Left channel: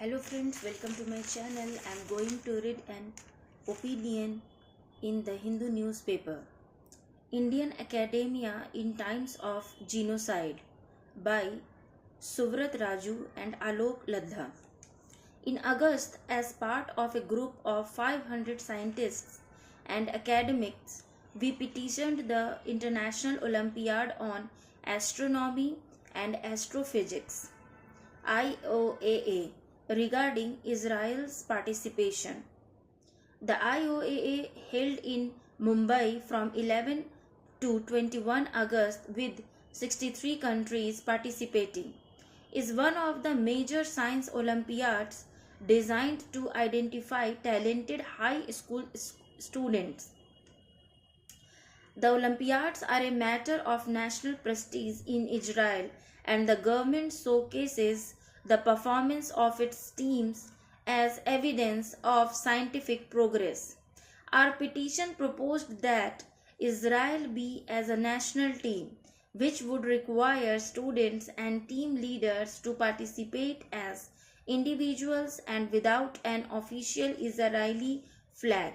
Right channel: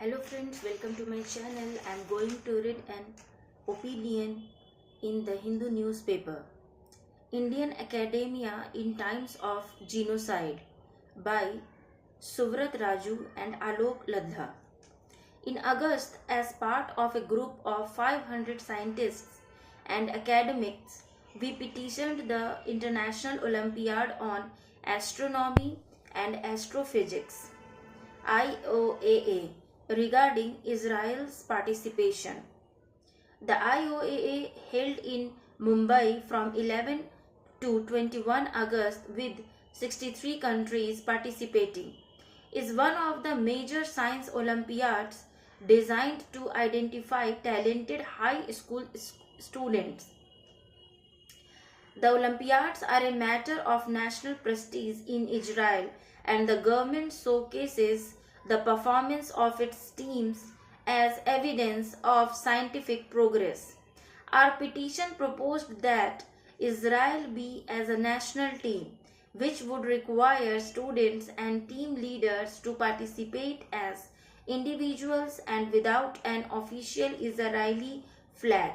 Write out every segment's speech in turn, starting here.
Hello friends, welcome to my channel. I am going to read an opinion in the Hindu newspaper. Indian Academia in Times of Genocide by Suvrat Raju and Alok Ladha. In August, as part of a group of 500 scientists and academics, we petitioned the International Olympiad on Astronomy and Astrophysics IOAA regarding Israel's participation. The IOAA held in Mumbai from 11 to 21 August with 63 countries participating is one of the major science Olympiads designed to identify talented high school students. The Olympiads are a matter of national prestige in Israel, and the government showcases the performance of its teams as evidence of scientific progress. Our petition proposed that Israel be as a national team, which would require students and team leaders to participate as individuals and without an official Israeli flag.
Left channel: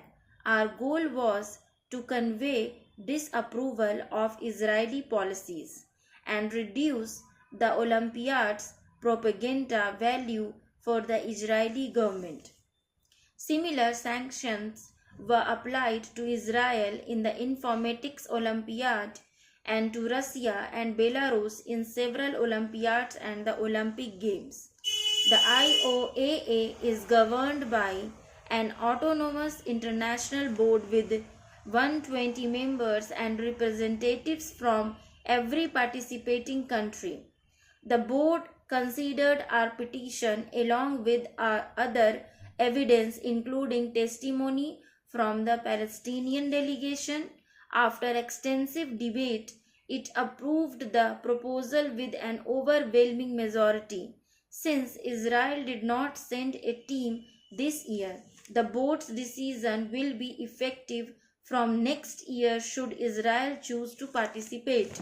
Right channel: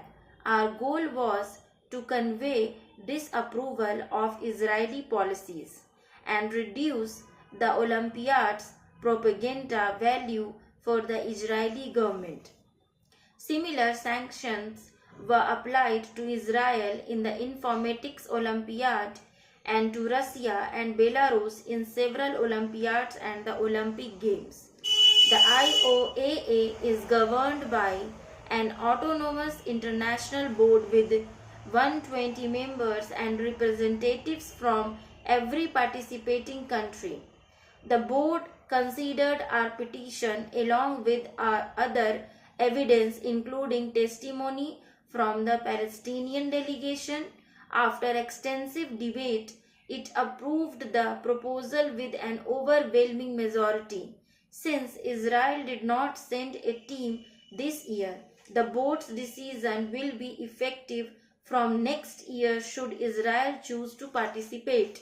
Our goal was to convey disapproval of Israeli policies and reduce the Olympiad's propaganda value for the Israeli government. Similar sanctions were applied to Israel in the Informatics Olympiad and to Russia and Belarus in several Olympiads and the Olympic Games. The IOAA is governed by an autonomous international board with 120 members and representatives from every participating country. The board considered our petition along with our other evidence including testimony from the Palestinian delegation. After extensive debate, it approved the proposal with an overwhelming majority. Since Israel did not send a team this year, the board's decision will be effective from next year should Israel choose to participate.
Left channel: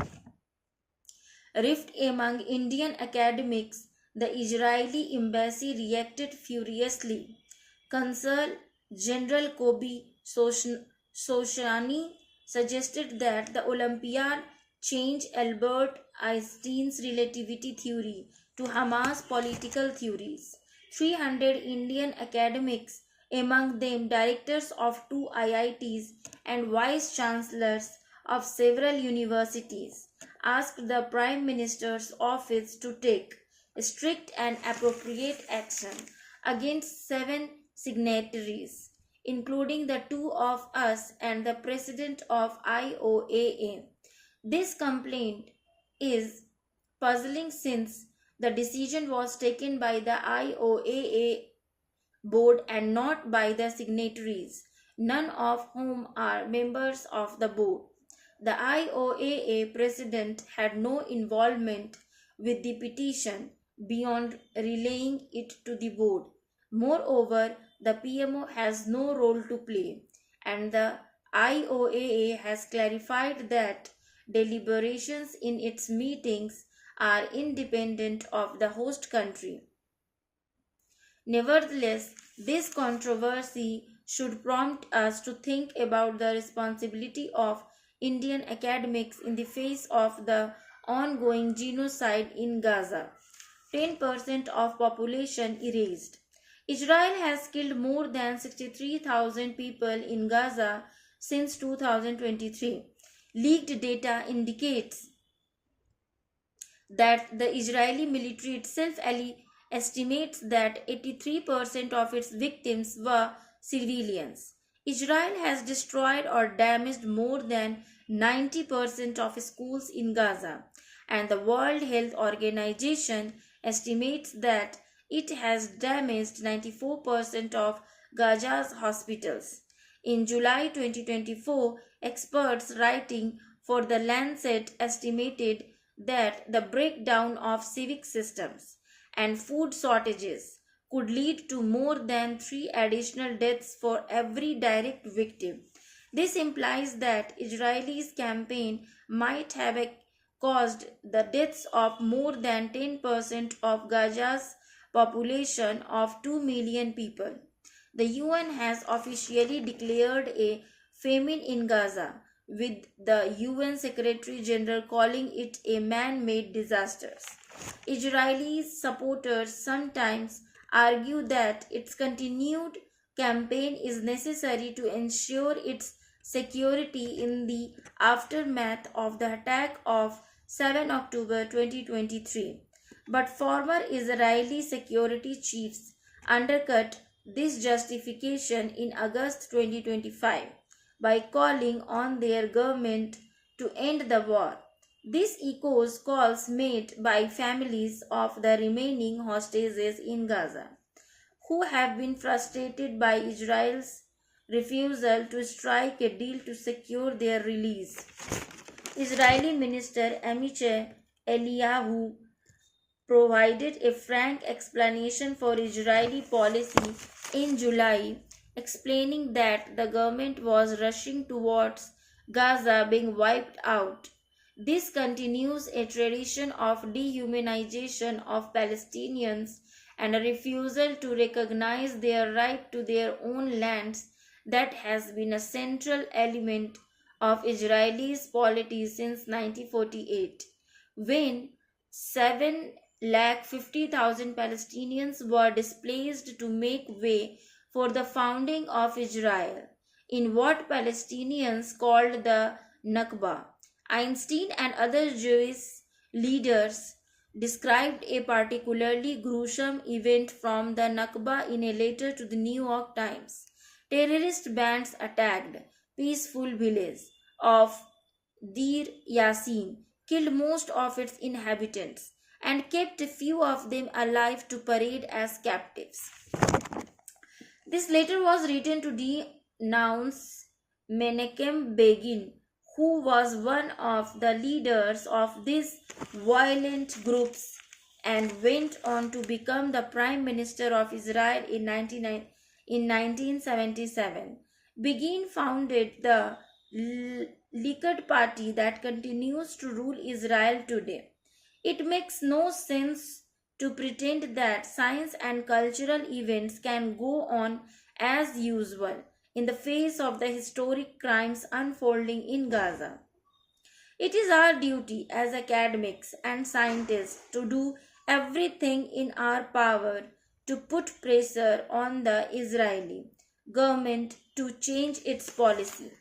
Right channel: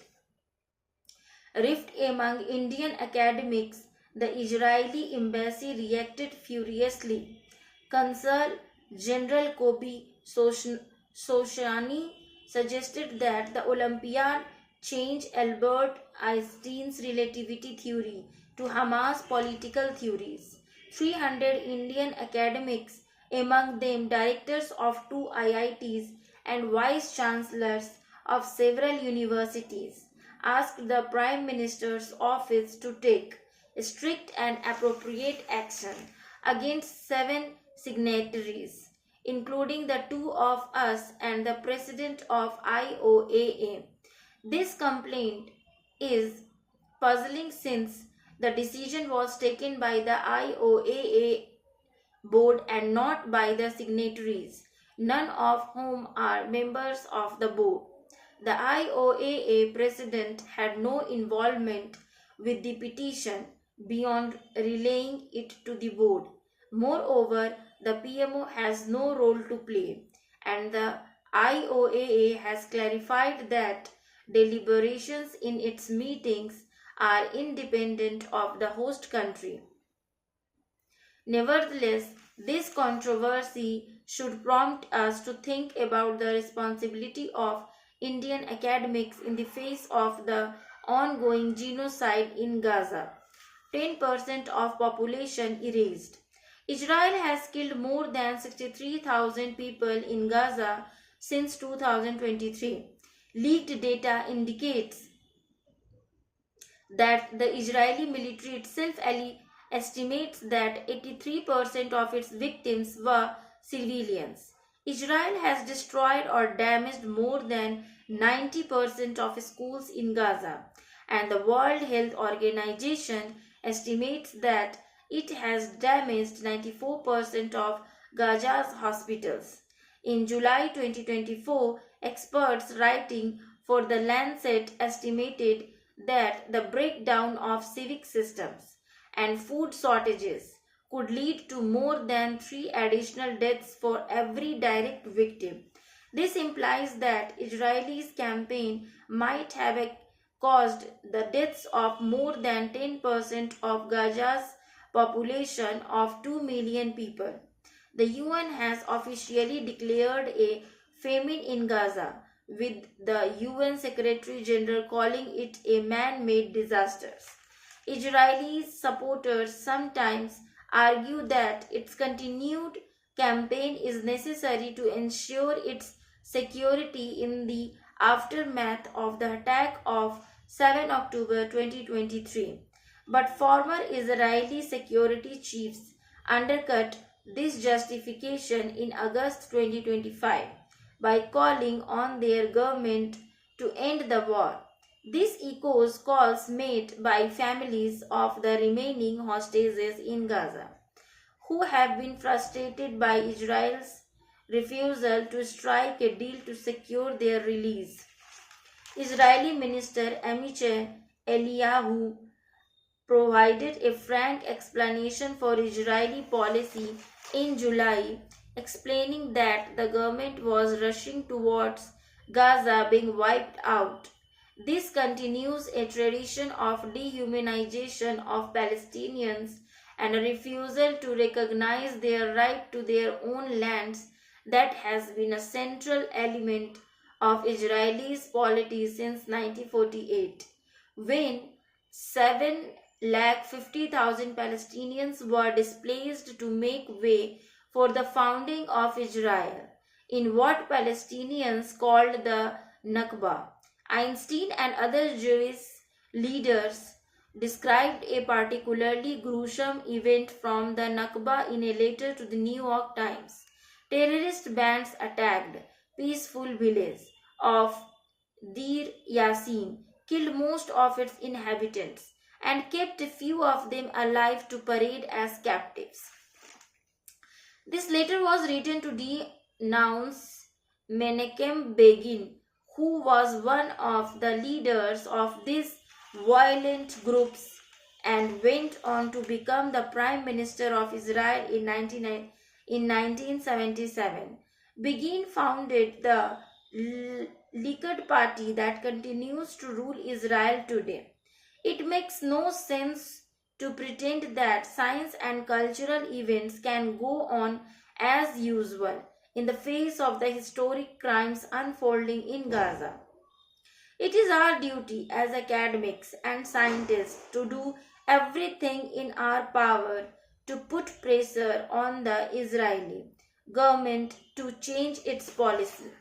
Rift among Indian academics, the Israeli embassy reacted furiously. Consul General Kobi Soshani suggested that the Olympiad change Albert Einstein's relativity theory to Hamas political theories. 300 Indian academics, among them directors of 2 IITs and vice chancellors of several universities, asked the Prime Minister's office to take strict and appropriate action against 7 signatories, including the 2 of us and the president of IOAA. This complaint is puzzling since the decision was taken by the IOAA board and not by the signatories, none of whom are members of the board. The IOAA president had no involvement with the petition beyond relaying it to the board. Moreover, the PMO has no role to play, and the IOAA has clarified that deliberations in its meetings are independent of the host country. Nevertheless, this controversy should prompt us to think about the responsibility of Indian academics in the face of the ongoing genocide in Gaza. 10% of population erased. Israel has killed more than 63,000 people in Gaza since 2023. Leaked data indicates that the Israeli military itself estimates that 83% of its victims were civilians. Israel has destroyed or damaged more than 90% of schools in Gaza, and the World Health Organization estimates that it has damaged 94% of Gaza's hospitals. In July 2024, experts writing for The Lancet estimated that the breakdown of civic systems and food shortages could lead to more than 3 additional deaths for every direct victim. This implies that Israel's campaign might have caused the deaths of more than 10% of Gaza's population of 2 million people. The UN has officially declared a famine in Gaza, with the UN Secretary General calling it a man-made disaster. Israeli supporters sometimes argue that its continued campaign is necessary to ensure its security in the aftermath of the attack of 7 October 2023. But former Israeli security chiefs undercut this justification in August 2025 by calling on their government to end the war. This echoes calls made by families of the remaining hostages in Gaza, who have been frustrated by Israel's refusal to strike a deal to secure their release. Israeli Minister Amichai Eliyahu provided a frank explanation for Israeli policy in July, explaining that the government was rushing towards Gaza being wiped out. This continues a tradition of dehumanization of Palestinians and a refusal to recognize their right to their own lands that has been a central element of Israelis' polity since 1948, when 750,000 Palestinians were displaced to make way for the founding of Israel in what Palestinians called the Nakba. Einstein and other Jewish leaders described a particularly gruesome event from the Nakba in a letter to the New York Times. Terrorist bands attacked peaceful village of Deir Yassin, killed most of its inhabitants, and kept a few of them alive to parade as captives. This letter was written to denounce Menachem Begin, who was one of the leaders of these violent groups and went on to become the Prime Minister of Israel in 1977. Begin founded the Likud party that continues to rule Israel today. It makes no sense to pretend that science and cultural events can go on as usual in the face of the historic crimes unfolding in Gaza. It is our duty as academics and scientists to do everything in our power to put pressure on the Israeli government to change its policy.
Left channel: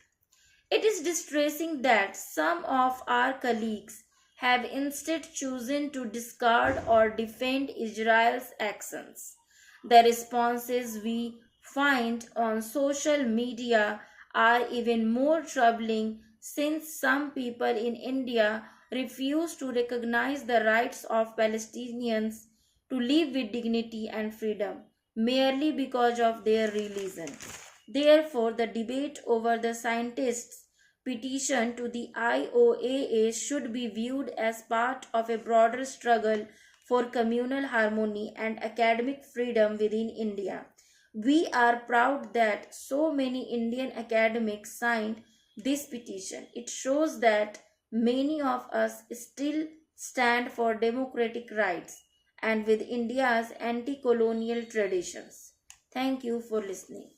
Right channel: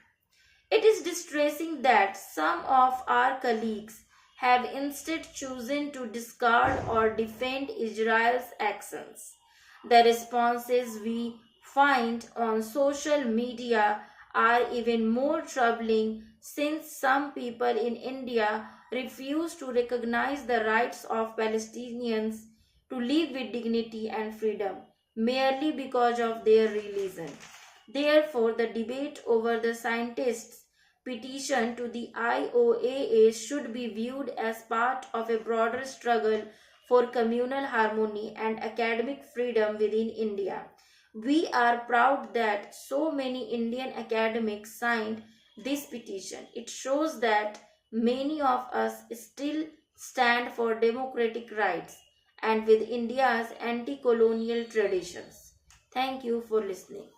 It is distressing that some of our colleagues have instead chosen to discard or defend Israel's actions. The responses we find on social media are even more troubling, since some people in India refuse to recognize the rights of Palestinians to live with dignity and freedom merely because of their religion. Therefore, the debate over the scientists' petition to the IOAA should be viewed as part of a broader struggle for communal harmony and academic freedom within India. We are proud that so many Indian academics signed this petition. It shows that many of us still stand for democratic rights and with India's anti-colonial traditions. Thank you for listening.